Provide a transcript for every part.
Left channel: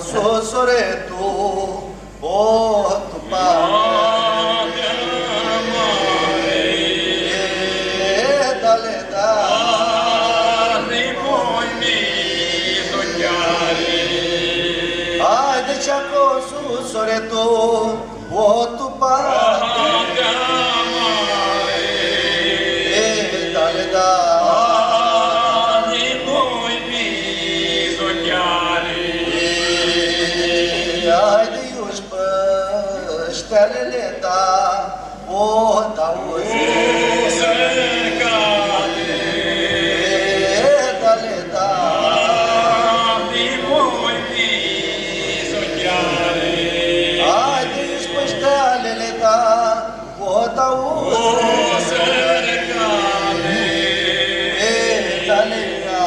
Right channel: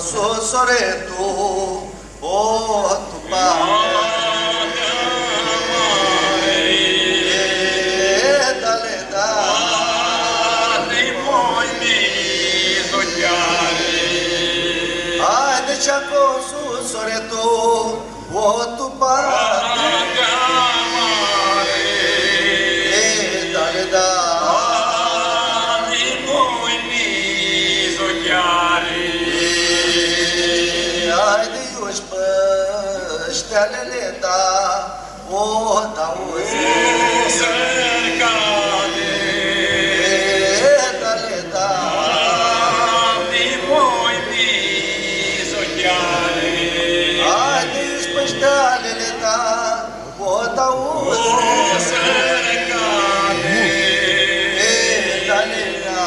susore tu, o tu pane, dale da, ai de ce acolo susore tu, o tu pane, dale da. Stelele ta, o t'auzi, dale ta, haide ești pe stelele ta, o t'auzi, dale ta.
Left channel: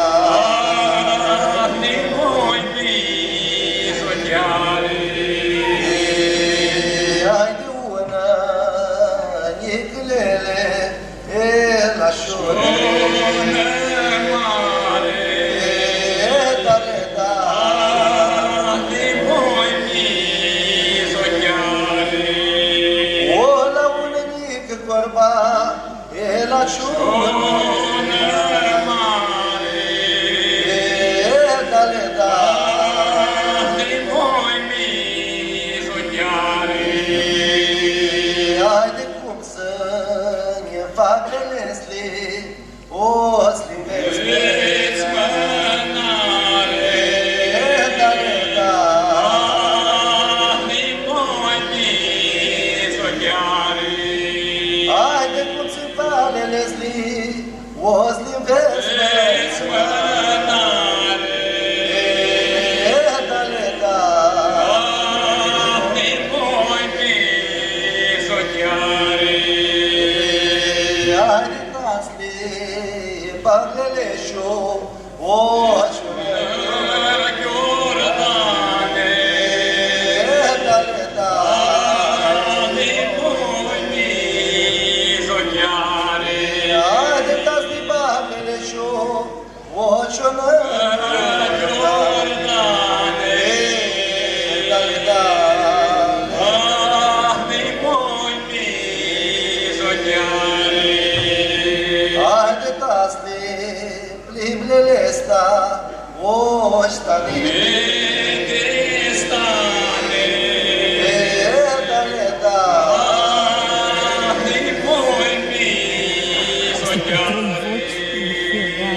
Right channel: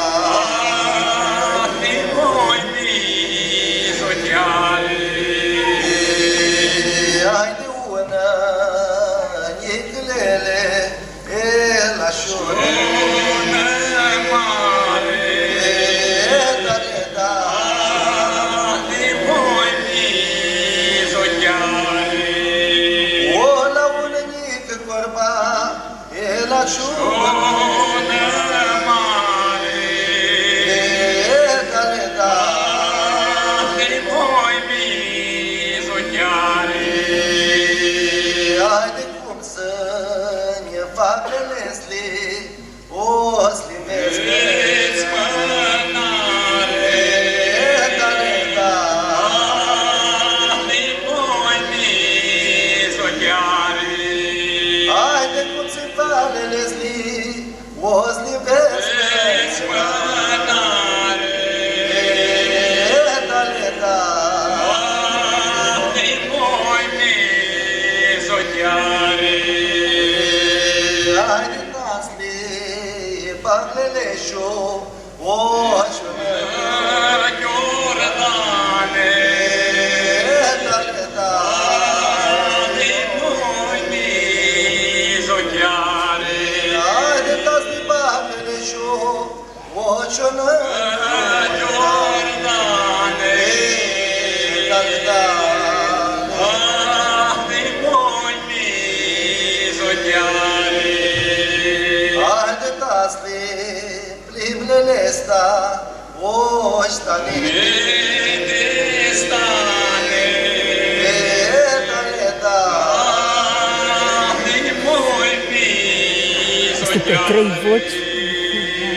Trei voci.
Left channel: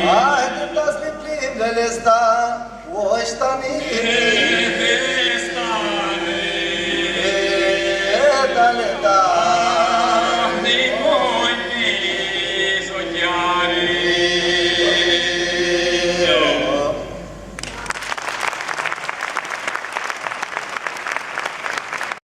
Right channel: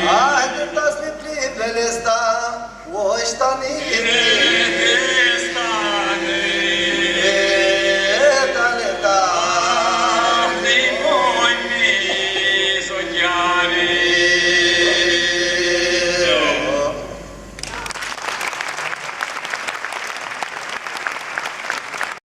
Ai de tas mi plimbele sta, o sta